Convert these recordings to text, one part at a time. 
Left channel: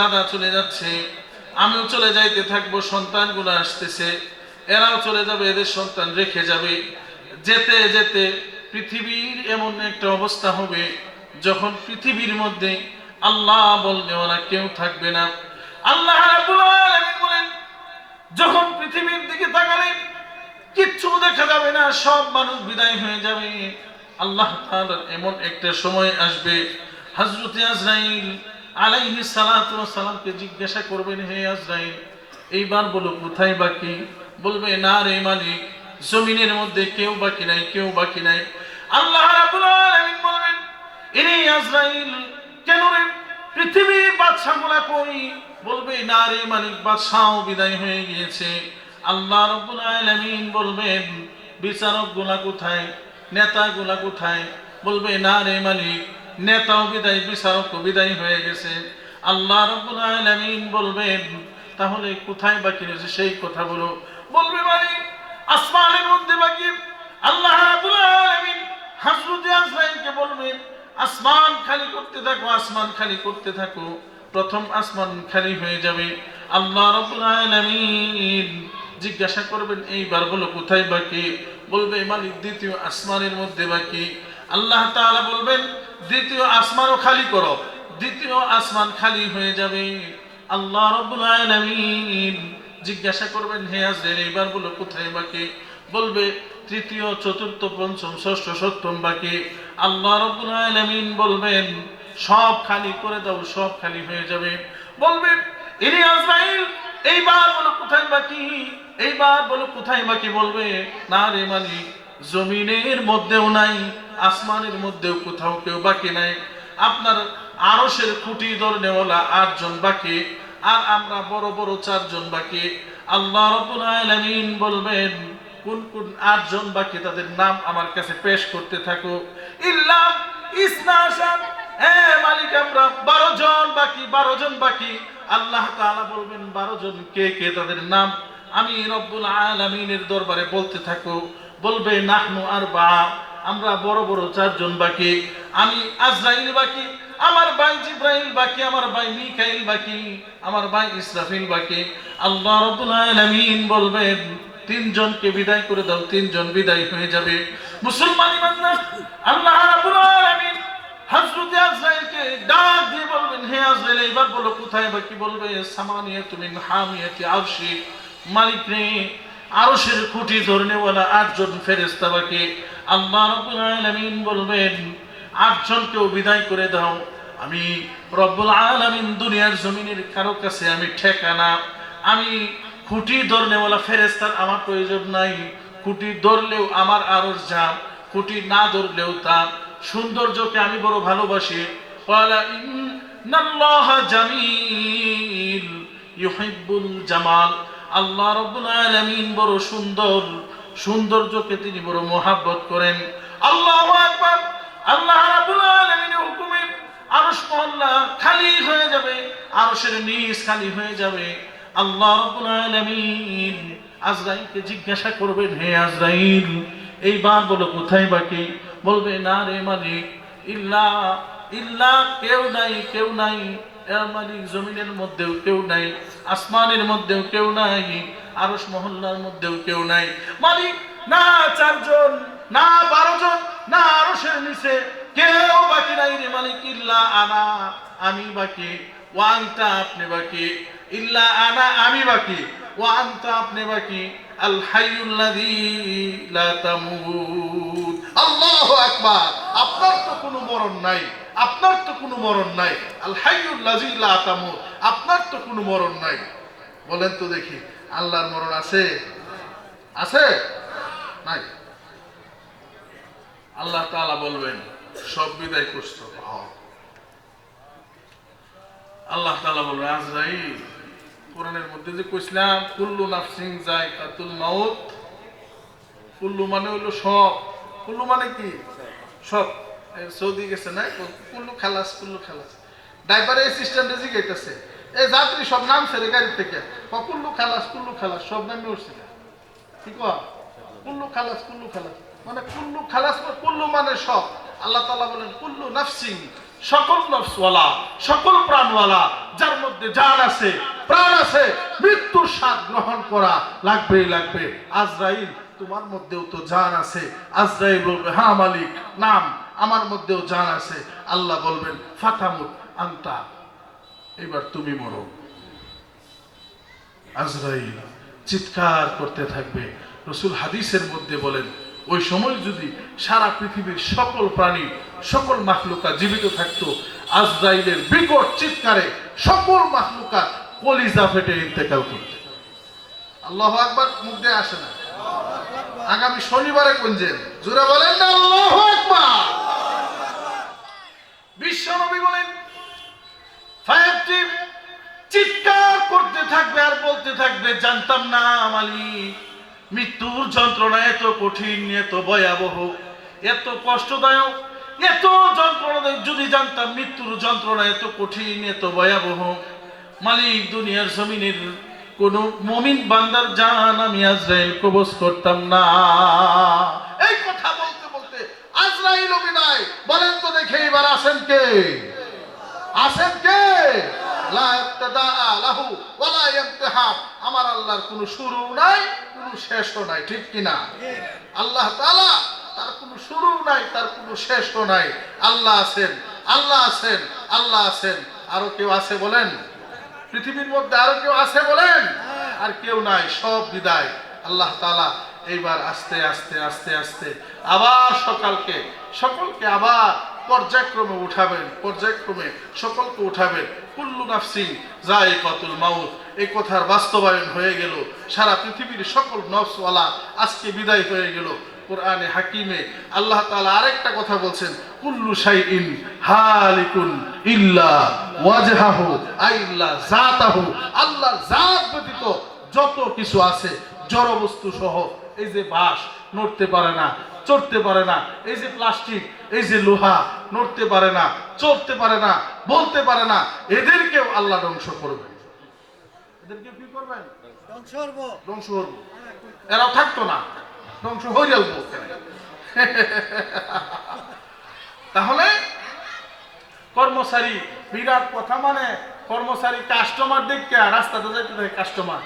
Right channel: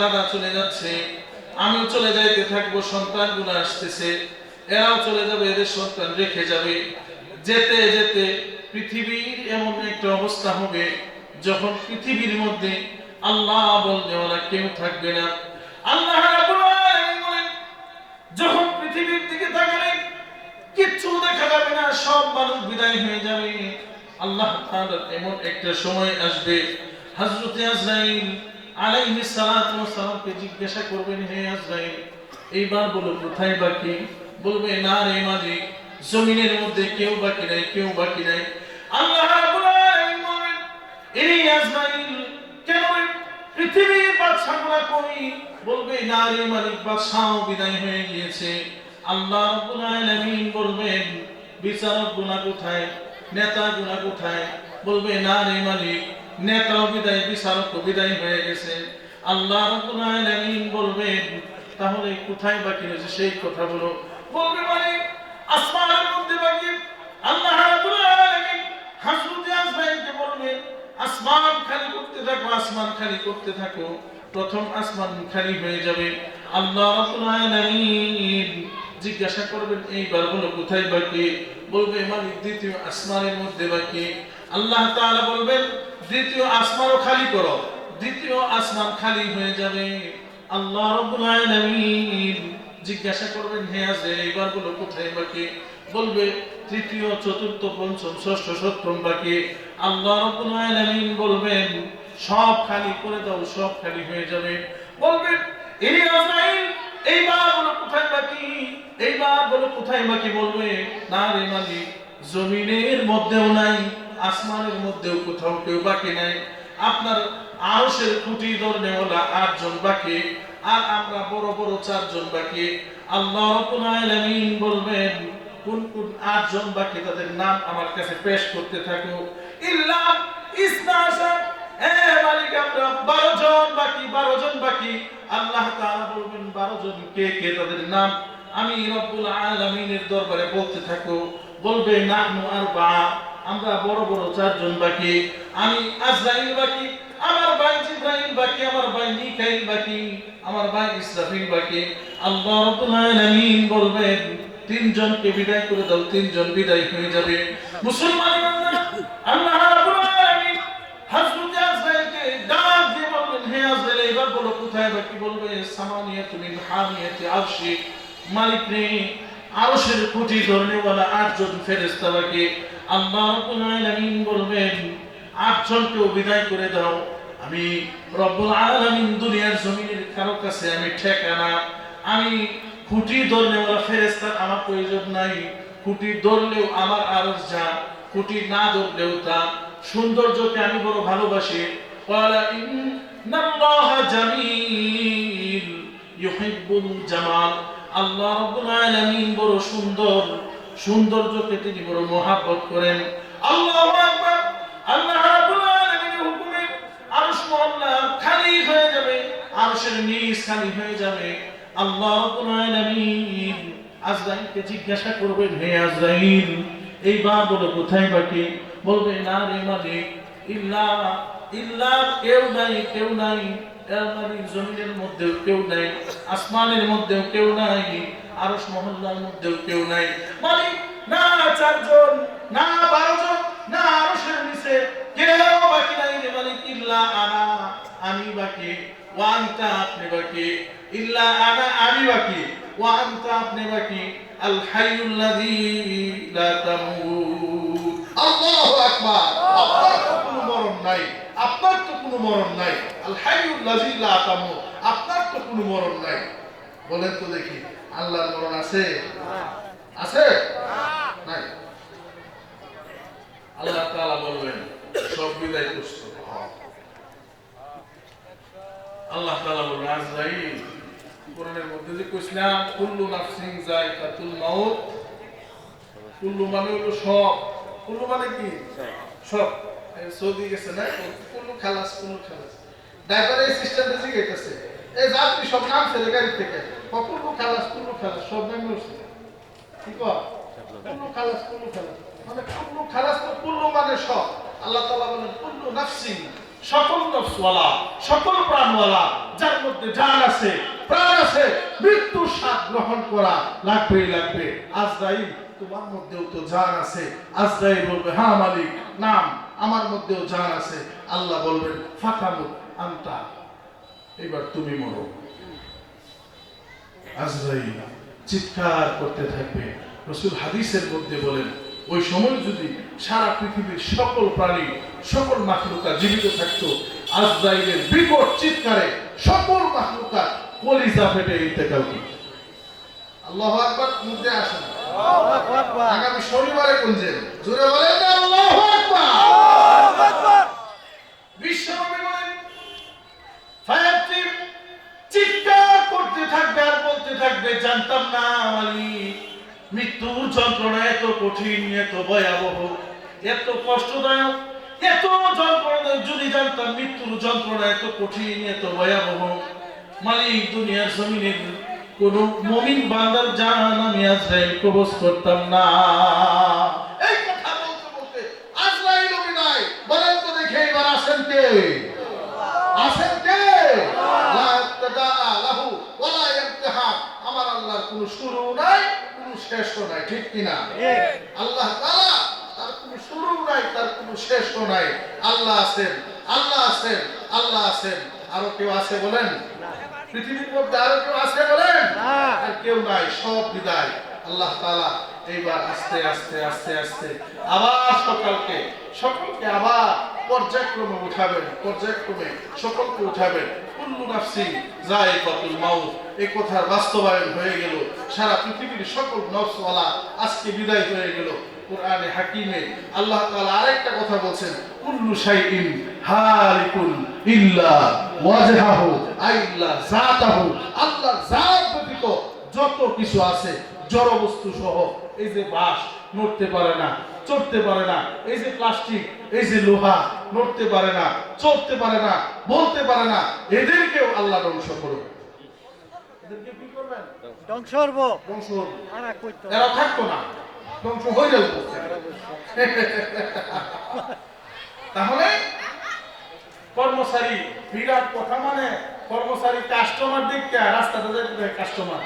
দাদা চলে যাচ্ছে, আমিও চলে যাইতে থাকব, সন্তানগুলো আসতেছে, এরাও চলে যাবে, এদের সন্তান রেখে যাবে। যেতে যেতে পৃথিবীর এমন একটা অবস্থা হবে, যখন পৃথিবীর মধ্যে আল্লাহ বলতে ওরা কেউ থাকবে না। আল্লাহ যখন পৃথিবীর দিকে তাকালেন কিচ্ছু দেখা যাবে না, সব মানুষ বিদায় হয়ে যাবে। আল্লাহ তাআলার এমন একটা সময় আসবে, হযরত আজরাইল আলাইহিস সালাতু ওয়াস সালামকে জিজ্ঞাসা করবেন, হে আজরাইল, এইবার বলো, কোথায় বাকি বলবে, না রে মালিক, জমিনের মধ্যে কেউ বাকি নাই, কেউ বাকি নাই। আল্লাহ রাব্বুল আলামিন বলবেন এই আজরাইল, কেন রে পৃথিবীর বাদশাহগুলা কই? বলবে, না রে মালিক বাদশাহও বিদায় হয়ে গিয়েছে। আল্লাহ রাব্বুল আলামিন বলবেন, বিচারক গুণা কোথায়? নেতা গুণা কোথায়? বলবে, না রে মালিক নেতাও বিদায় বিচারক বিদায় হয়ে গেছে। আল্লাহ রাব্বুল আলামিন বলবেন, তাহলে কোথায় বাকি রয়েছে সেই কথা বলো। বলবে মালিক আসমানের মধ্যে বাকি। আল্লাহ রাব্বুল আলামিন বলবেন, আসমান খালি করতে থাকো, আসমান খালি করতে থাকো। প্রথম আসমান খালি হয়ে যাবে। আল্লাহ রাব্বুল আলামিন জিজ্ঞাসা করবেন এইবার বলো কোথায় বাকি? বলবে, মালিক, দ্বিতীয় আসমানের মধ্যে বাকি। আল্লাহ তাআলা বলবেন দ্বিতীয় আসমানও খালি করো। দ্বিতীয় আসমান খালি হয়ে যাবে। আল্লাহ রাব্বুল আলামিন জিজ্ঞাসা করবেন, হে আজরাইল এইবার বলো কোথায় বাকি? বলবে, তৃতীয়, চতুর্থ, পঞ্চম, ষষ্ঠ, সপ্তম বাকি। আল্লাহ রাব্বুল আলামিন বলবেন, সব খালি করে দাও, সব খালি হয়ে যাবে। বলবেন ইনি আজরাইল এইবার বলো কোথায় বাকি? এইবার বলো কোথায় বাকি? বলবে, না রে মালিক, জমিনের মধ্যেও নাই। আসমানের মধ্যেও কোথাও কেউ বাকি নাই। আপনার আরশের খুঁটি ধরনেওয়ালা আটজন বাকি, আর আমরা বড় বড় চারজন বাকি। আল্লাহ রাব্বুল বলবেন, কোন কোন আটজন বাকি তাদের নাম আমার কাছে পেশ করতে থাকো। ইল্লা ইসনাশা মালিক বারো জন বাকি, বারো জন বাকি। আল্লাহ বলবেন, বারো জন কে কে তাদের নাম আমি রব্বুল আলামিনের দরবারে বলতে থাকো। বলবে, নাহনু আর বা আমরা বড় বড় চারজন বাকি, আমি আজরাইল বাকি, আমার ভাই জিব্রাইল বাকি, আমার ভাই মিকাইল বাকি, আমার ভাই ইসরাফিল বাকি। আল্লাহ রাব্বুল আলামিন বলবেন, তিনজনকে বিদায় করে দাও, তিনজন বিদায় হয়ে যাবে। মুসলমান বান্দা আল্লাহ রাব্বুল আলামিন হযরত আজরাইলকে ডাক দিয়ে বলবেন, হে আজরাইল এবার বলো কোথায় বাকি? বলবে, সামানিয়াতু মিন হামিয়াতি আরশি। মালিক রে, আরশের খুঁটি ধরনেওয়ালা আটজন ফেরেশতা বাকি। আল্লাহ রব্বুল আলামিন বলবেন আটজনকে বিদায় করে দাও। আমি রব্বুল আলামিন দুনিয়ার জমিনের কারও কাছে আমি ঠেকানা। আমি খুঁটি ধরনেওয়ালা ফেরেস্তার আমার প্রয়োজন নাই। খুঁটি ধরলেও আমার আরজ যা খুঁটি না ধরলেও তা। সৌন্দর্যকে আমি বড় ভালোবাসি। জামাল। আল্লাহ রব্বুল আলামিন বড় সুন্দর সৌন্দর্যকে তিনি বড় মোহাব্বত করেন। আল্লাহু আল্লাহ রাব্বুল আরশ মহল্লা খালি হয়ে যাবে, আরশের নিচ খালি হয়ে যাবে। আল্লাহ রাব্বুল আলামিন আজরাইলকে জিজ্ঞাসা করবেন, হে আজরাইল এইবার বলো কোথায় বাকি? বলবে, না রে মালিক, ইল্লা ইল্লা কেউ নাই কেউ নাই। জমিনের মধ্যেও কেউ নাই, আসমানের মধ্যেও কেউ নাই, আরশ মহল্লার মধ্যেও কেউ নাই। মালিক, না চারজন, না বারো জন না আরশের নিচে কেউ বাকি নাই রে মালিক। ইল্লা আনা, আমি বাকি। ওয়ান্তা আপনি বাকি। ইল্লা আনা, আমি বাকি। ওয়ান্তা আপনি বাকি। আল হাইয়ুল্লাযী লা তামুত। আল্লাহু আকবার মরণ নাই আপনার তো কোনো মরণ নাই। আল হাইয়ুল লাযী লা তামুত আপনার তো কোনো মরণ নাই। বলেন তো দেখি আল্লাহর মরণ আছে? আছে? নাই। আল্লাহ তাআলা বলবেন সব বিদায় করছ। আল্লাহ তাআলা বলবেন আজরাইল কোরআনের মধ্যে যে কইছিলাম কুল্লু নাফসিন যায়কাতুল মাউত। কুল্লু মানে হলো সব। কুল্লু মানে কি? সব। সৌদি গেছে না কুল্লু খালাস কুল্লু খালাস ড্রাইভার সিস্টেমটা শিখাইতেছে এই যাত্রী সব নাম ছেড়ে গাড়ি থেকে ক, কুল্লু খালাস কুল্লু খালাস সব নামে উঠছে। কি কয়? কুল্লু খালাস কুল্লু খালাস মানে কুল্লু খালাস মানে কুল্লু মানে সব? আল্লাহ তাআলা বলেন কুল্লু নাফসিন সকল নফসওয়ালা সকল প্রাণওয়ালা যার মধ্যে জান আছে প্রাণ আছে মৃত্যুর স্বাদ গ্রহণ করা লাগবেই লাগবে। আজরাইল তোমার মধ্যেও তো জান আছে। আজরাইল বলবে হ্যাঁ মালিক নাম আমার মধ্যেও জান আছে আল্লাহ বলবেন ফাতামুত আন্তা। এবার তুমি মরো। আজরাইল চিৎকার করতে থাকবে। রসুল হাদিসের মধ্যে বলেন ওই সময় যদি সারা পৃথিবীর সকল প্রাণী সকল মাখলুকা জীবিত থাকতো আজরাইলের বিকট চিৎকারে সকল মাখলুকা কলিজা ফেটে ইন্তেকাল করত। আল্লাহ আকবার মুখে আসে না আগামী শনিবারে কুঞ্জেন জোরে বলেন না আল্লাহ আকবার। মৃত্যুর যন্ত্রণা এত কঠিন, এত ভয়াবহ জানতাম মৃত্যুর যন্ত্রণা এত কঠিন, এত ভয়াবহ, মালিক, দুনিয়ার জমিনের কোন মমিন বান্দার জান আমি আজরাইল কবজ করতাম না। এই কথা বলতে বলতে আজরাইল বিদায় বলেন তো দেখে এবার আসেন কে? আসেন কে? আমার আল্লাহর কোনো শুরু নাই কোনো শেষও নাই ঠিক কি না? আল্লাহ তাআলা তার কোনো শুরু নাই তার কোনো শেষও নাই। আল্লাহ আছেন আল্লাহ আছেন আল্লাহ আছেন। আরও কেউ আছে বলেন? পৃথিবীর মধ্যে আরও কেউ আছে বলেন? আর কেউ নাই সব বিদায়। আল্লাহ তালা এইবার আস্তে আস্তে আস্তে আস্তে আবার সকালকে সকলকে আবার পর্যায়ক্রমে উঠাবেন, পর্যায়ক্রমে সকলকে উঠাবেন। কুল্লু নাফসি জায়কাতুল মাউত। এই কথার বাস্তবায়ন হয়ে গেল। সারা পৃথিবীর সকল নফসওয়ালা আজকে বিদায় হয়ে গেল। কোরআনে হাকিমে আল্লাহ তাআলা আরেকটা কথা বলছেন, কুল্লু শাইইন হালিকুন ইল্লা ওয়াজহাহু আইল্লা জাতাহু আল্লাহর জাত ব্যতীত যত কিছু আছে জড় বস্তু সহ এই যে বাঁশ নড়তে পারে না চড়তে পারে না এই যে প্লাস্টিক এই যে লোহা নড়তে পারে না চড়তে পারে না বলতে পারে না এদেরকেও আল্লাহ ধ্বংস করবে। এদেরকে কি করবেন? ধ্বংস হব ধ্বংস করবে। আনা থাকতো না ধ্বংস হয়ে যাবে তাহলে কর্মচারী বিরাট কথা মানে কর্মচারী কাস্টমার দেখতে রাস্তাতে যেতে কাস্টমার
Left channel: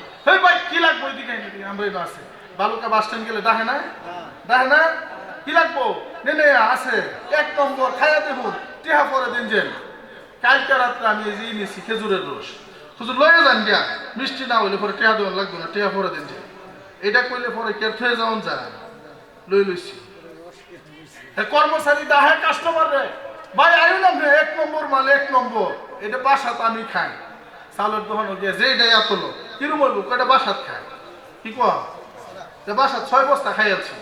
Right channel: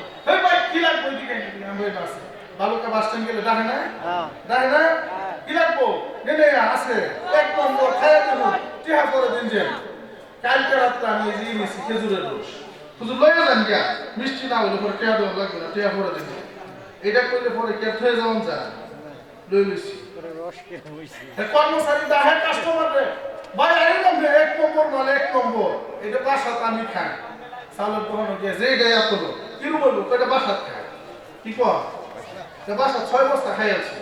ভাই কি লাগবে এদিকে, আমরা আছে বালুকা বাস স্ট্যান্ড গেলে দেখে না? হ্যাঁ। দেখে না? কি লাগবো? নে নে আছে। এক নম্বর খাইয়া দেবো। টিহা পরে দিন যে কালকে রাত্রে আমি এই যে নিয়েছি খেজুরের রস। হুজুর লয়ে যান গিয়া। মিষ্টি না হইলে পরে টিহা দেওয়ার লাগবে না টিহা পরে দিন যে এটা করলে পরে কে থয়ে যাওয়ান যায়? লই লইছি। করে কর্মচারী দাহে কাস্টমার রে। ভাই আয়ু না এক নম্বর মাল এক নম্বর। এটা বাসাত আমি খাই। চালের দোকানে গিয়ে যে এটা এত লোক কিরু বলব? এটা বাসাত খাই কি কর যে বাসাত ছয় বস্তা খাই আছে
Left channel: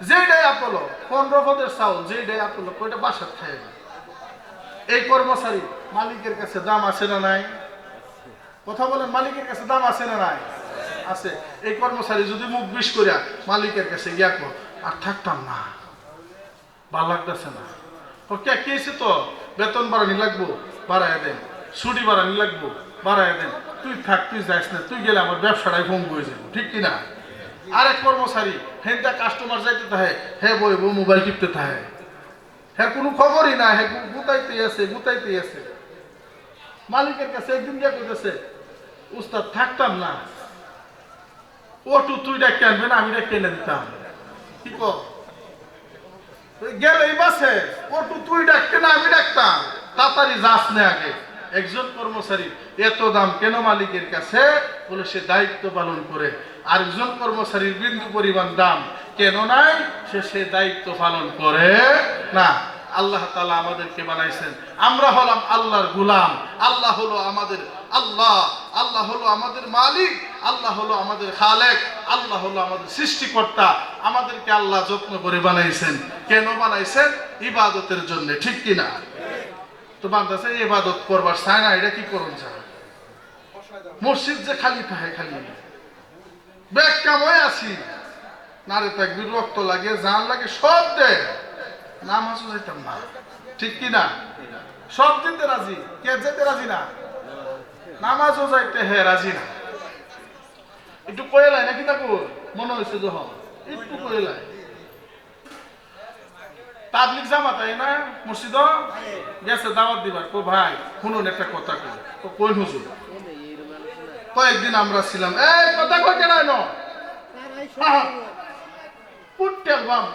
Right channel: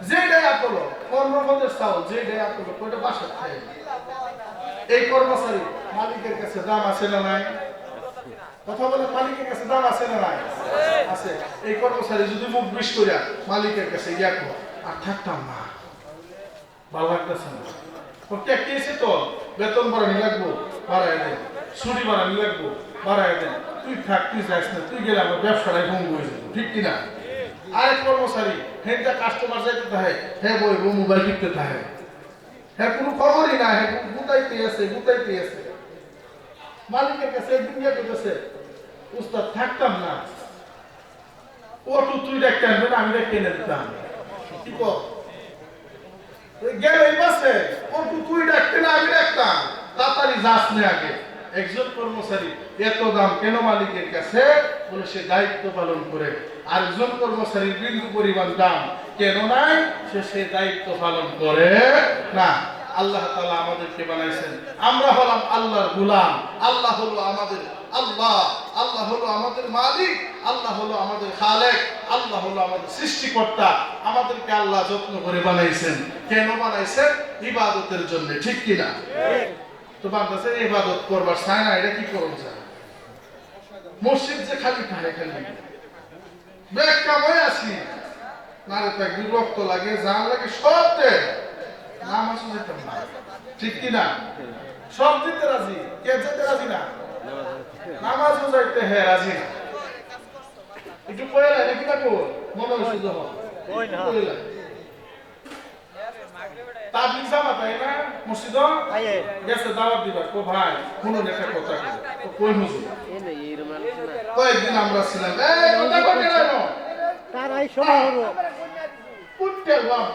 যে ডাই আপলো কর্মপদের চাউল যে ডাই আপলো ওইটা বাসাত খাই এই কর্মচারী মালিকের কাছে দাম আছে না নাই? কথা বলেন, মালিকের কাছে দাম আছে না নাই? আছে। এই কর্মচারী যদি মুখ বিষ করিয়া মালিকের কাছে গিয়া কো আর থাকতাম না। ভালো লাগতেছে না। কে কেছে তো বেতন বাড়ানি লাগবো? বাড়ায় দেন। ছুটি বাড়ানি লাগবো? বাড়ায় দেন। তুই থাক, তুই যাইস না, তুই গেলে আমার ব্যবসাটাই ভঙ্গ হয়ে যাবে। ঠিক কিনা আরেক কর্মচারী, হেনটা কাস্টমার যাইতে থাকে, হে বইব মোবাইল টিপতে থাকে। হ্যাঁ কোনো খবরই না হ্যাঁ গুতাইতে আছে গুতাইতে আছে। মালিকের কাছে একদিন গিয়ে করতেছে উস্তাদ, থাকতাম না। অটো তুই ডাক্তার আনবে না, আমি ডাক্তার এনে দিতাম। কি কর গেল এই বাসে অটো তুই ডাকতে না, আমি ডাকতাম। তাড়াতাড়ি যাস না আগে। একজন কর্মচারী, এত দাম কেন মালিকের কাছে? বলে, সে দায়িত্ব পালন করে। আরেকজন কর্মচারীর বিন্দু পরিমাণ দাম কেন নাই? সে সে দায়িত্ব পালন করে না। আল্লাহ তাআলা আমাদেরকে বানাইছেন। আমরা হলাম আল্লাহর গোলাম। আল্লাহ হলো আমাদের আল্লাহ। আল্লাহ হলো আমাদের মালিক। আল্লাহ হলো আমাদের খালেক। আল্লাহ হলো আমাদের সৃষ্টিকর্তা। আমাদেরকে আল্লাহ যত্ন করে বানাইছেন। কেন বানাইছেন? ইবাদতের জন্য। ঠিক কিনা তো বান্দাছে, ইবাদত করবার চায় না। এটা কি করুন চায়? মসজিদ যে খালি থাকে খালি। ব্যাগ কামাই আছি। নারে তাকবির রক্ত লাগে জান লাগে সব নামাজ না ঠিক কি না? সব দিতে রাজি? কে যেতে রাজি না? নামাজও যাইতে হে রাজি না। একটু কয়েলাই নাকি তাকো মনে হয়েছে না। কয়েলাই জামাত তাই না? মসজিদ গেছে দাওয়াত দিবার। কো ভাই শুনুন একটা কথা কই। হুজুর কয়েকদিন আমরা ছিলাম। এই কথা কই কেন এনো? তারাই পুট্টেল বাম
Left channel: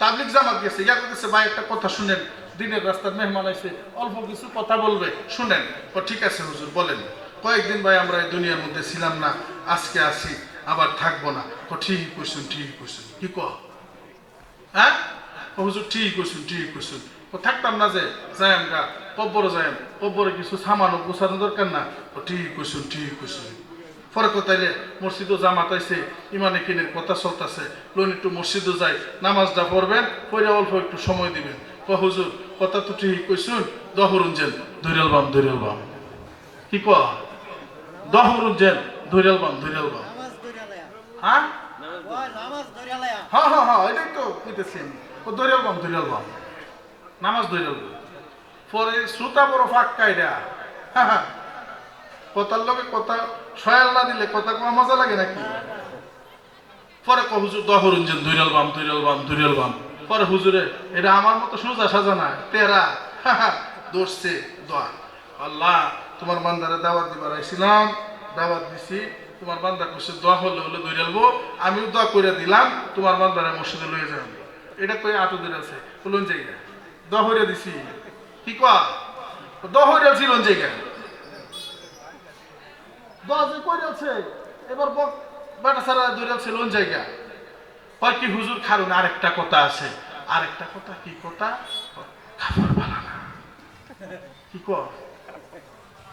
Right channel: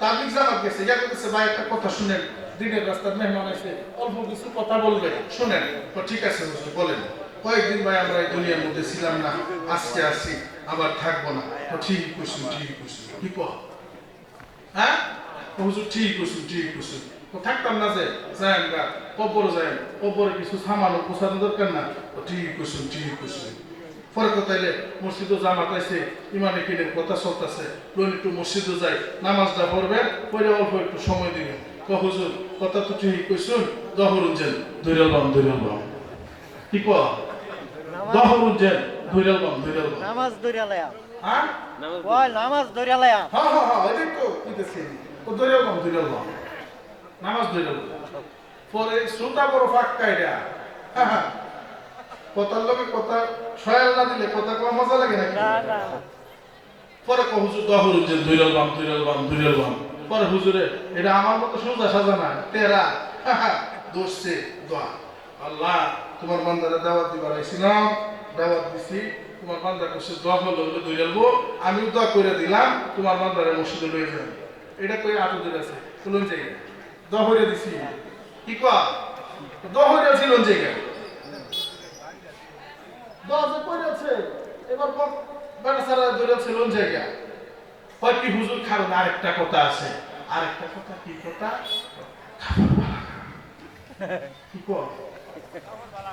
তাবলিগ জামাত গেছে। ইয়া করতেছে ভাই একটা কথা শুনেন। দিনের রাস্তার মেহমান আইছে। অল্প কিছু কথা বলবে। শুনেন। তো ঠিক আছে হুজুর বলেন। কয়েকদিন ভাই আমরা এই দুনিয়ার মধ্যে ছিলাম না। আজকে আসি আবার থাকব না। তো ঠিক কইছেন ঠিক কইছেন। কি কহ হ্যাঁ? হুজুর ঠিক কইছেন ঠিক কইছেন। তো থাকতাম না যে যাইম গা কব্বর যাইম কব্বরে কিছু সামানো গোছানো দরকার না। ও ঠিক কইছেন ঠিক কইছেন পরে কোথায় মসজিদও জামাত আইছে ইমানে কিনের কথা চলতেছে। লোন একটু মসজিদও যাই নামাজটা পড়বেন পরে অল্প একটু সময় দিবেন। ক হুজুর কথা তো ঠিক কইছুন দহরুন যেন ধৈরাল বাম ধৈরাল বাম। কি ক দহরুন যেন ধৈরাল বাম ধৈরাল বাম। নামাজ দরিয়ালয়া হ্যাঁ নামাজ দরিয়ালয়া হ্যাঁ হ্যাঁ হ্যাঁ এটাই তো কইতেছি ও ধৈরাল বাম ধৈরাল বাম। নামাজ বাম পরে শ্রোতা বড় ফাঁক কাইরা হ্যাঁ কথার লোকে কথা সয়াল না দিলে কথা কম মজা লাগে নাকি? পরে ক হুজুর দোয়া করুন যে দুইরাল বাম দুইরাল বাম দুইরাল বাম। পরে হুজুরে এটা আমার মতো সোজা সাজা না তেরা। দোষছে দোয়া। আল্লাহ তোমার বান্দারে দাওয়াত দিবার আইছিলাম দাওয়াত দিছি। তোমার বান্দা কইছে দোয়া হলে হলে দুইরালবো আমিও দোয়া করে দিলাম তোমার বান্দারে মসজিদে লয়ে যাবেন এটা কই আতদের আছে তুলুন জায়গা দোয়া হইরা দিছি। কি কয়? দোয়া হইরা ছিল জায়গা দোয়া যে কইরা আছে এবার বাটা সারা দৌড়া ছিল জায়গা হয় কি হুজুর খারুন আরেকটা কথা আছে। আরেকটা কথা কি কথা? খাবার ভালো না। কি কর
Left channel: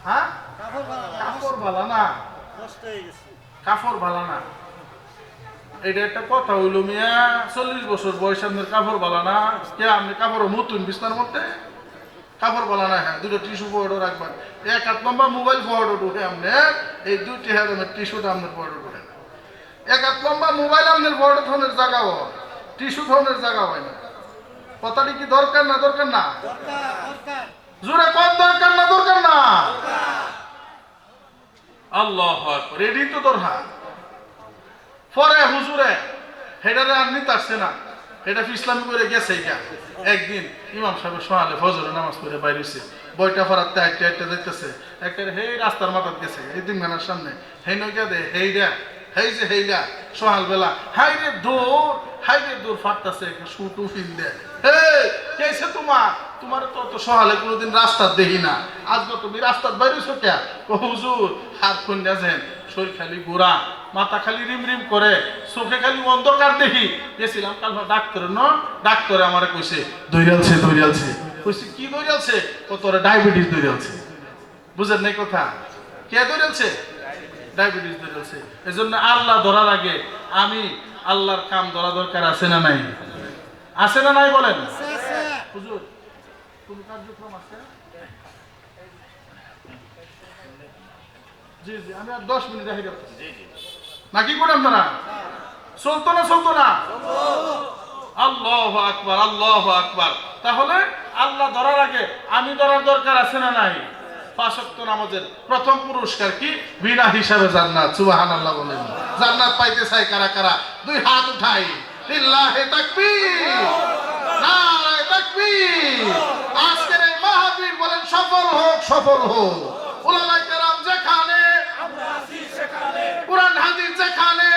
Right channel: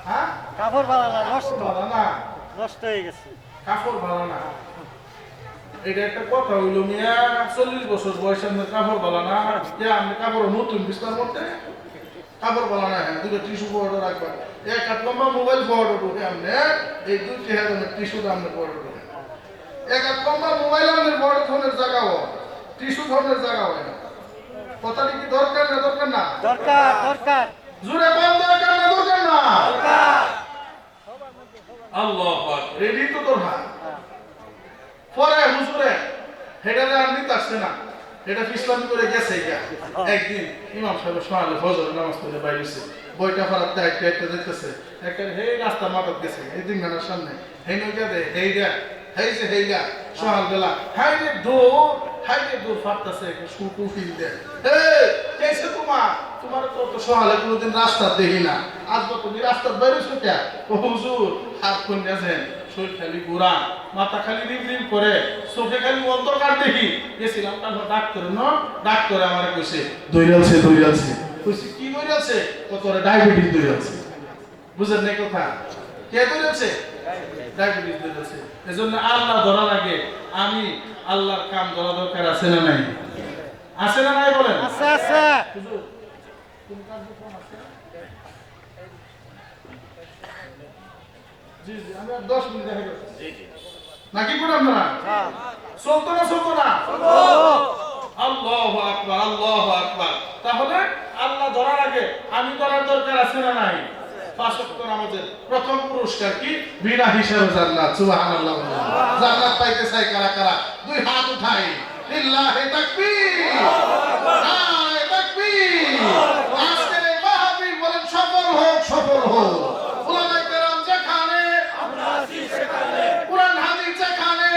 হ্যাঁ? কাপড় ভালো না নষ্ট। ভালো না। নষ্ট হয়ে গেছে। কাপড় ভালো না। এটা একটা কথা হইল মিয়া চল্লিশ বছর বয়স আপনার কাপড় ভালো না কে আপনি কাপড় নতুন বিস্তার মধ্যে? কাপড় ভালো না হ্যাঁ দুটো টিস্যু পাউডার রাখবেন এক হাত লম্বা মোবাইল পাউডার উঠে আপনি এই হ্যাঁ টিস্যুটা আপনার পাউডার করে এক হাত লম্বা মোবাইল আপনার বড় ধরনের জায়গা হয় টিস্যু ধরনের জায়গা হয় না। কথাটি কি দরকার না দরকার না? দরকার দরকার। জোরে কোন দরকার না দরকার না? আল্লাহ রেডি তো দরকার পরে হুজুরে হেটারে আর নিতে আসছে না। এটা ইসলাম করে গেছে এটা একদিন ইমাম সাহেব সোহালে ফজর নামাজ পড়ে বাইরেছে বইটা ফরাতে একটা একটা যাইতেছে। একটা হেই রাস্তার মাথার গেছে, এই দিন সামনে। হেই নৌকা দে, হেই দে হেই যে হেই দা বেলা হাই রে দৌড় হাই রে দৌড় ফাটতাছে শুটু ফিল দে হে কেসে তোমার? তোমার তো তো সহালে কোনোদিন রাস্তা দেখি না। আজ তো তুমি রাস্তার বাইরেছো কে? ও হুজুর, হাত কোন গেছেন শরীর খালি গোড়া, মাথা খালি রিম রিম করে, চোখে খালি অন্ধকার দেখি। গেছিলাম তারপর ডাক্তার, ন? ডাক্তার আমারে কইছে দইরালছে দইরালছে কইছে, কি দইরালছে ও তোর ডায়াবেটিস দইরালছে বুঝেন নাই কথা? কে দইরালছে ডায়াবেটিস এজন্য আল্লাহ ধরা লাগে আমি আল্লাহর কাম ধরা দরকার আছে না নাই? আছে না নাই বলেন? আচ্ছা আচ্ছা হুজুর কোন কার্যক্রম আছে? জি জি আমি আর দশ মিনিট দেখে গেছি নাকি করে আপনারা? হ্যাঁ। চলতো না চলতো না? আল্লাহ আকবার আল্লাহ আকবার। তাহলে আল্লাহ ধরার আগে আমি ধরার দরকার আছে না নাই? পাঁচক্ত নামাজের প্রথম পুরস্কার কি? বিনা হিসাবে জান্নাত, সুবহানাল্লাহ বলেন। জান্নাত পাইতে চাই কারা কারা? দুই হাত উঠাই। লিল্লাহি তাকবীর। নারায়ে তাকবীর। আজকের এই মাহফিল বলেন, সফল হোক সফল হোক। উলামায়ে কেরাম যেখানে কোরআন হাদিস যেখানে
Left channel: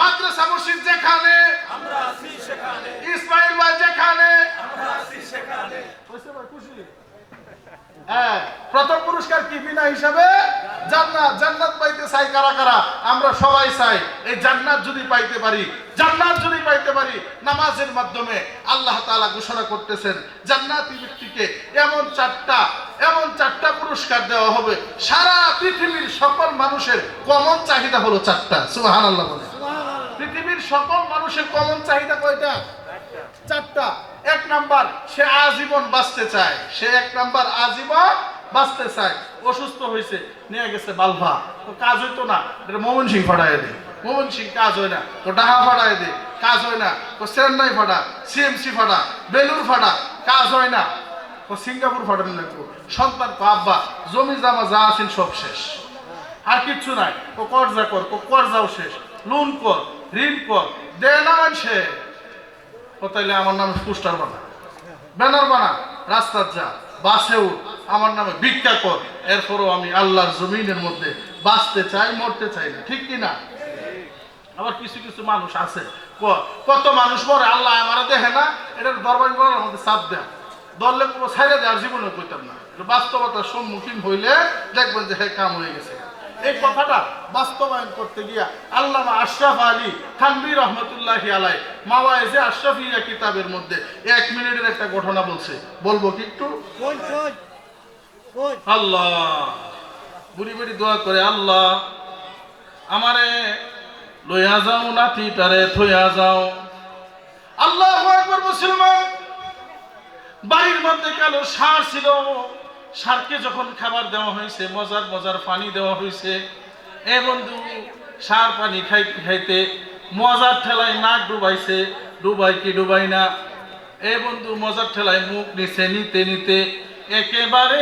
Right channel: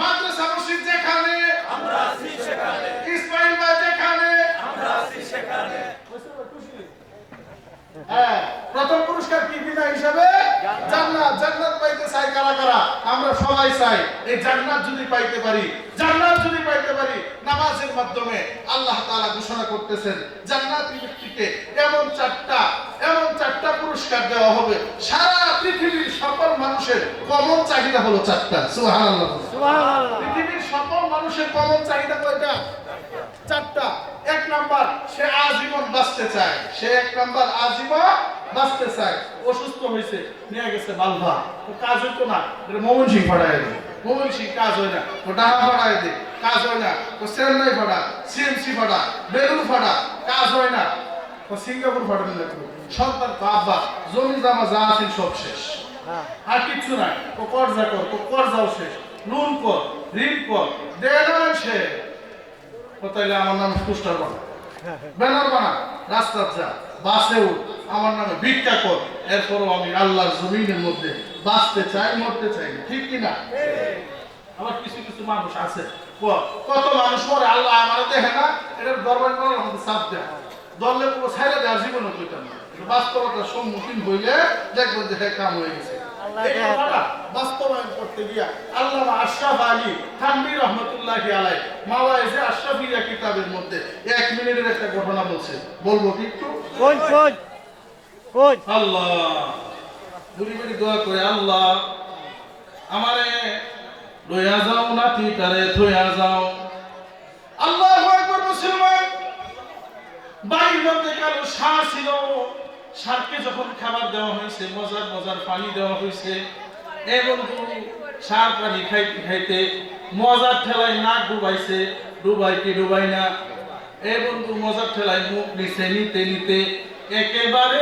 মাদ্রাসা মসজিদ যেখানে ইসমাইল ভাই যেখানে হ্যাঁ, প্রথম পুরস্কার কি বিনা হিসাবে? জান্নাত জান্নাত পাইতে চাই কারা কারা? আমরা সবাই চাই এই জান্নাত যদি পাইতে পারি জান্নাত যদি পাইতে পারি নামাজের মাধ্যমে আল্লাহ তাআলা ঘোষণা করতেছেন জান্নাতি ব্যক্তিকে এমন চারটা এমন চারটা পুরস্কার দেওয়া হবে সারা পৃথিবীর সকল মানুষের কমন চাহিদা হলো চারটা সুবহানাল্লাহ সুবহানাল্লাহ। পৃথিবীর সকল মানুষের কমন চাহিদা কয়টা? চারটা। এক নাম্বার, সে আজীবন বাঁচতে চায়। সে এক নাম্বার আজীবন বাঁচতে চায়। অসুস্থ হয়েছে, নিয়ে গেছে বালভা ও কাজ হইতো না, এটা মোহন সিং ফাড়ায় দে মোহন সিং কাজ হয় না ও ডাহা ফাড়ায় দে কাজ হয় না ও চেন্নাই ফাড়া সিএমসি ফাড়া বেলুর ফাড়া কাজ হয় না। ও সিঙ্গাপুর ফাটানো না তো। সন্তান কো আব্বা, জমি জামা যা আছেন সব শেষ। আর কিচ্ছু নাই। ও কর্জা কর ও কর্জাও শেষ। লোন কর, ঋণ কর দে না ও তাইলে আমার নামে পোস্টার বানা। ব্যানার বানা, রাস্তার যা, বাসে উঠ, আমার নামে ভিক্ষা কর। এরপরও আমি আল্লাহর জমিনের মধ্যে বাঁচতে চাই, মরতে চাই না, ঠিক কি না আবার কিছু কিছু মানুষ আছে কত মানুষ মরে, আল্লাহ আমার দেখে না, এটার দরবার করার আমাদের চাপ দেয়। দললে পুরো ছাইড়ে দেওয়ার জীবনে কইতাম না। বাস্তবতার সম্মুখীন হইলে দেখবেন যে হ্যাঁ কাম হয়ে গেছে। এই কথাটা বাস্তবায়ন করতে গিয়া আল্লামা আশরাফ আলী থানবী রহমতুল্লাহ আলাই মাওয়াইজে আশরাফিয়া কিতাবের মধ্যে এক মিনিটের একটা ঘটনা বলছে। বলব কি একটু? কোন কোন? কোন? আল্লাহ। বুড়ি বুড়ি দোয়া করে আল্লাহ আমারে লইয়া যাও নাতি তারে থইয়া যাও। আল্লাহ মুসলমান বাড়ির মধ্যে কালো সার ছিল। সারকে যখন খাবার দেওয়া হয়েছে, মজার মজার পানি দেওয়া হয়েছে বন্ধু, সার পানি খাইতে খাইতে মজার ঠেলায় নাক ডুবাইছে, ডুবাই কি ডুবাই না? এ বন্ধু, মজার ঠেলায় মুখ নিচে নিতে নিতে একেবারে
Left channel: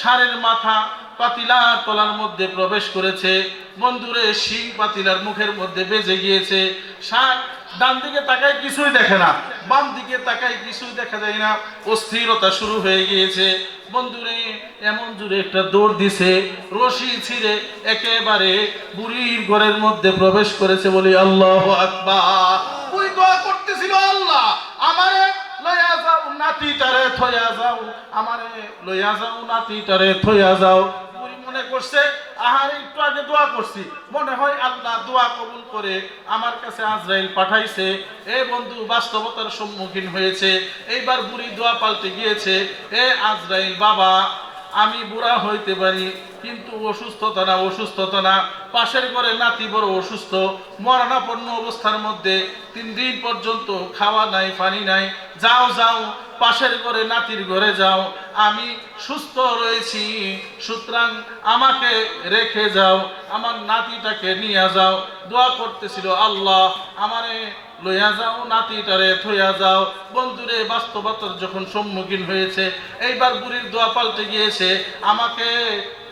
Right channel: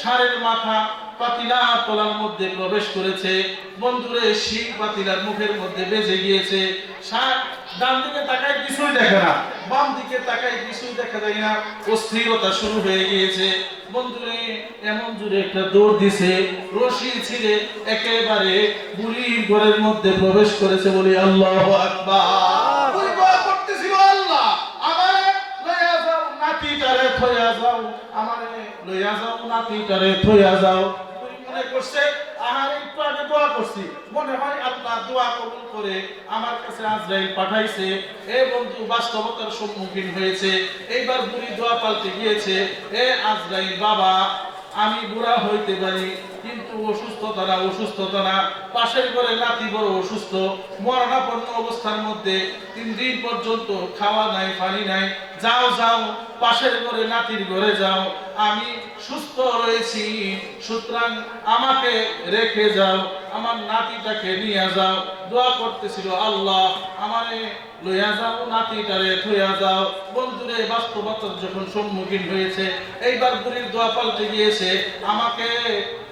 সারের মাথা পাতিলার তলার মধ্যে প্রবেশ করেছে। বন্ধুরে, শিখ পাতিলার মুখের মধ্যে বেজে গিয়েছে। সার, ডান দিকে তাকায় কিছুই দেখে না। বাম দিকে তাকায় কিছুই দেখা যায় না। অস্থিরতা শুরু হয়ে গিয়েছে। বন্ধুরে, এমন জুড়ে একটা দৌড় দিছে। রশি ছিঁড়ে একেবারে বুড়ির ঘরের মধ্যে প্রবেশ করেছে বলি আল্লাহ আকবার। আল্লাহ, আমারে লইয়া যাও যাও, আমারে লইয়া যাও, নাতিটারে থইয়া যাও। ওই মনে করছে, আহার, একটু আগে দোয়া করছি। মনে হয় আল্লাহ দোয়া কবুল করে আমার কাছে আজরাইল পাঠাইছে। এ বন্ধু, বাস্তবতার সম্মুখীন হয়েছে। এইবার বুড়ি দোয়া পাল্টে গিয়েছে, এ আজরাইল বাবা, আমি বুড়া হইতে পারি, কিন্তু অসুস্থতা না অসুস্থতা না। পাশের ঘরে নাতি বড় অসুস্থ, মরণাপন্ন অবস্থার মধ্যে তিন দিন পর্যন্ত খাওয়া নাই, পানি নাই। যাও যাও, পাশের ঘরে নাতির ঘরে যাও। আমি সুস্থ রয়েছি, সুতরাং আমাকে রেখে যাও, আমার নাতিটাকে নিয়ে যাও। দোয়া করতেছিল আল্লাহ, আমারে লইয়া যাও, নাতিটারে থইয়া যাও। বন্ধুরে, বাস্তবতার যখন সম্মুখীন হয়েছে, এইবার বুড়ির দোয়া পাল্টে গিয়েছে, আমাকে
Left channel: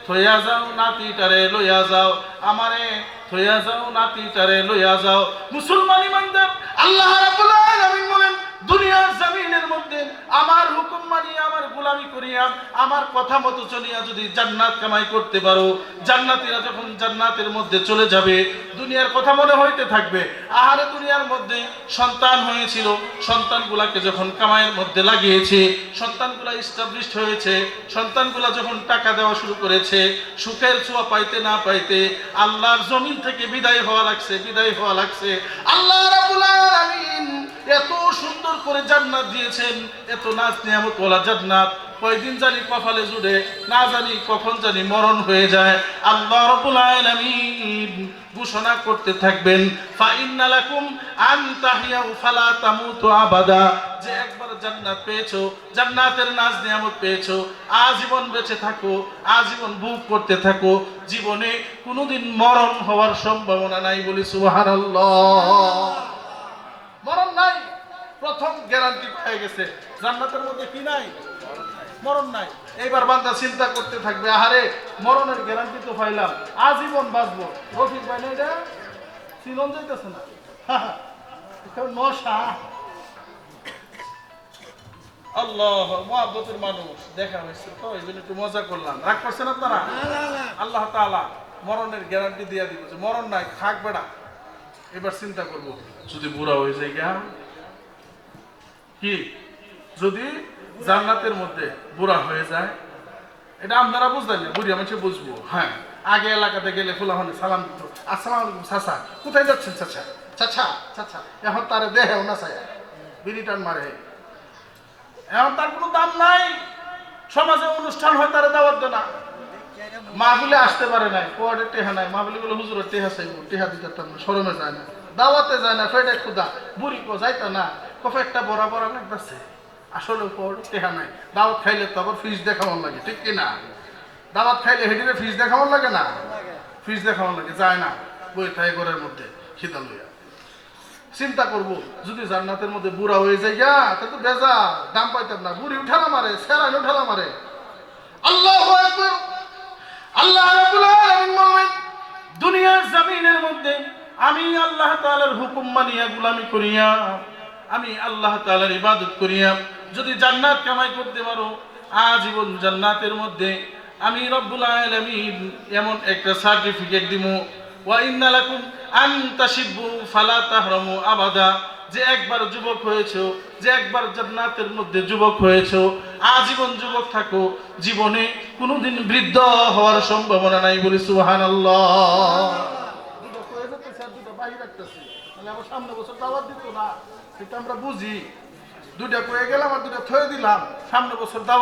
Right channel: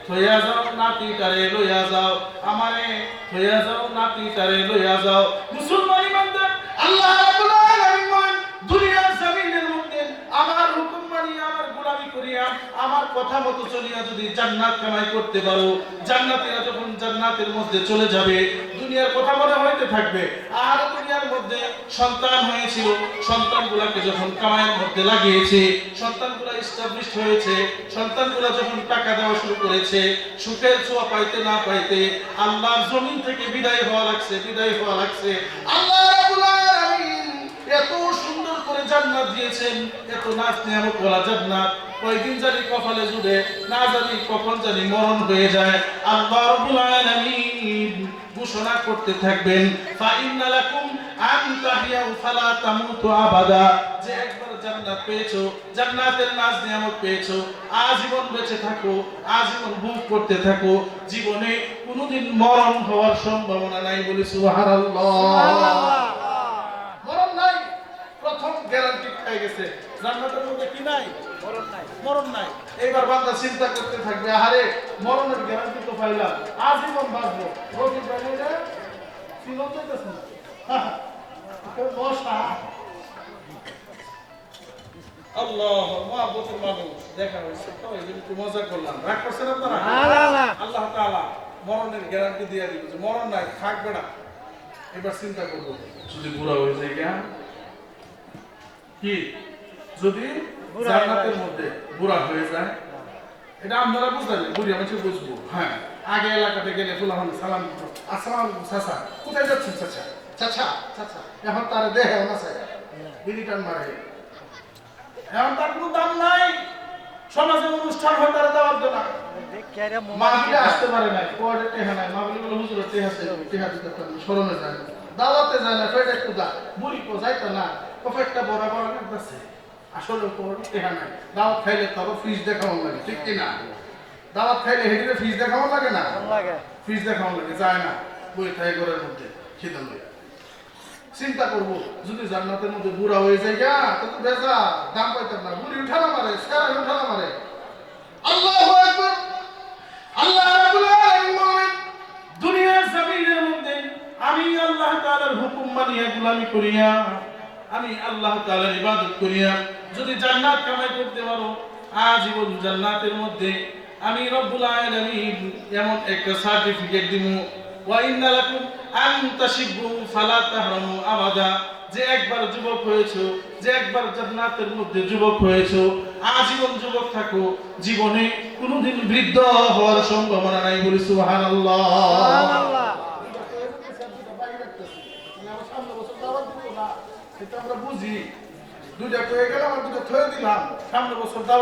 থইয়া যাও নাতিটারে লইয়া যাও। আমারে থইয়া যাও নাতিটারে লইয়া যাও। মুসলমান ইমানদার, আল্লাহ রাব্বুল আলামিন দুনিয়ার জমিনের মধ্যে আমার হুকুম মানিয়া আমার গোলামি করিয়া আমার কথা মতো চলিয়া যদি জান্নাত কামাই করতে পারো, জান্নাতীরা যখন জান্নাতের মধ্যে চলে যাবে, দুনিয়ার কথা মনে হইতে থাকবে। আর দুনিয়ার মধ্যে সন্তান হয়েছিল, সন্তানগুলাকে যখন কামাইয়ের মধ্যে লাগিয়েছে, সন্তানগুলা ইস্টাবলিশড হয়েছে, সন্তানগুলা যখন টাকা দেওয়া শুরু করেছে, সুখের ছোঁয়া পাইতে না পাইতে আল্লাহর জমিন থেকে বিদায় হওয়া লাগছে, বিদায় হওয়া লাগছে। আল্লাহ এত সুন্দর করে জান্নাত দিয়েছেন, এত নাচ নিয়ামত ওলা জান্নাত। কয়দিন জানি কপালে জুড়ে, না জানি কখন জানি মরণ হয়ে যায়। আল্লাহ রাব্বুল আলামিন ঘোষণা করতে থাকবেন, ফা ইন্না লাকুম আন তাহিয়াউ ফালা তামুতু আবাদা। যে একবার জান্নাত পেয়েছ, জান্নাতের নাজ নিয়ামত পেয়েছ, আজীবন বেঁচে থাকো, আজীবন ভোগ করতে থাকো। জীবনে কোনোদিন মরণ হওয়ার সম্ভাবনা নাই বলি সুবহানাল্লাহ। মরণ নাই, প্রথম গ্যারান্টি পেয়ে গেছে। জান্নাতের মধ্যে কি নাই? মরণ নাই। এইবার বান্দা চিন্তা করতে থাকবে আহারে মরণের গ্যারান্টি তো পাইলাম। আজীবন বাঁচবো। রোগী পাই না এটা চিনন যাইতেছে না। আল্লাহ মহাব্বতের মানুষ। দেখা হয়েছে। তো এই জন্য একটু মজা করলাম। রাগ করছেন আপনারা? না না না। আল্লাহ তাআলা মরণের গ্যারান্টি দিয়ে দিব যে মরণ নাই থাকবে না এবার চিন্তা করব। যদি বুড়া হয়ে যায় কি? যদি জান্নাতের মধ্যে বুড়া হয়ে যায়। এটা আপনারা বুঝলেন না বুড়ি আমি বুঝব। হ্যাঁ। আগে এলাকাতে গেলে ফুলাহন সালাম। আসসালামু আলাইকুম চাচা। কোথায় যাচ্ছেন চাচা? চাচা চাচা। এখন তারে দেহেও না চাই। বিলিটান মারে। এখন তার কোনো দাম নাই। সমাজে অনুষ্ঠান হয় তারা দাওয়াত দেয় না দেখি আরে মোবাইল মাহবিলে আসতে পারে নাই কোয়ার্ডের টেহা নাই। মাহবিলে বলে হুজুরের টেহা চাই টেহা দিতে পারতাম শরমে যায় না। দাওয়াতে যায় না ফেটে একটু দা বুড়ি কো যাইতো না। কফে একটা বড় বড় লাগতেছে আসলে কোয়ার্ড টেহা নাই। দাওয়াত খাইলে তো আবার ফ্রিজ দেখাবার লাগে ঠিক কি না? দাওয়াত খাইলে হেডিরে ফ্রিজ দেখাবার লাগে না? ফ্রিজ দেখাবার লাগে যায় না। বই থাই ঘরের মধ্যে শীতল লইয়া। চিন্তা করব যদি জান্নাতের মধ্যে বুড়া হয়ে যায় গা তা তো বেজা দাম পাইতাম না। বুড়ি উঠানা মারে সেরা উঠানা মারে। আল্লাহ একবার আল্লাহ রাব্বুল আলামিন দুনিয়ার জমিনের মধ্যে আমি আল্লাহ তাআলার হুকুম মানিয়া গুলামি করিয়া আমি আল্লাহ তাআলার ইবাদত করিয়া যদি জান্নাত কামাই করতে পারো আজীবন জান্নাতের মধ্যে আমি রব্বুল আলামিন এমন একটা সার্টিফিকেট দিমু। ওয়া ইন্না লাকুম আন তাশিবু ফালা তাহরামু আবাদা। যে একবার যুবক হয়েছো যে একবার জান্নাতের মধ্যে যুবক হয়েছো আজীবন যুবক থাকো। জীবনে কোনোদিন বৃদ্ধ হওয়ার সম্ভাবনা নাই বলি সুবহানাল্লাহ। আমরা বুঝি। দুইটা পেয়ে গেলাম আর দুটা থয়ে দিলাম। সামনে বছর দাওয়াত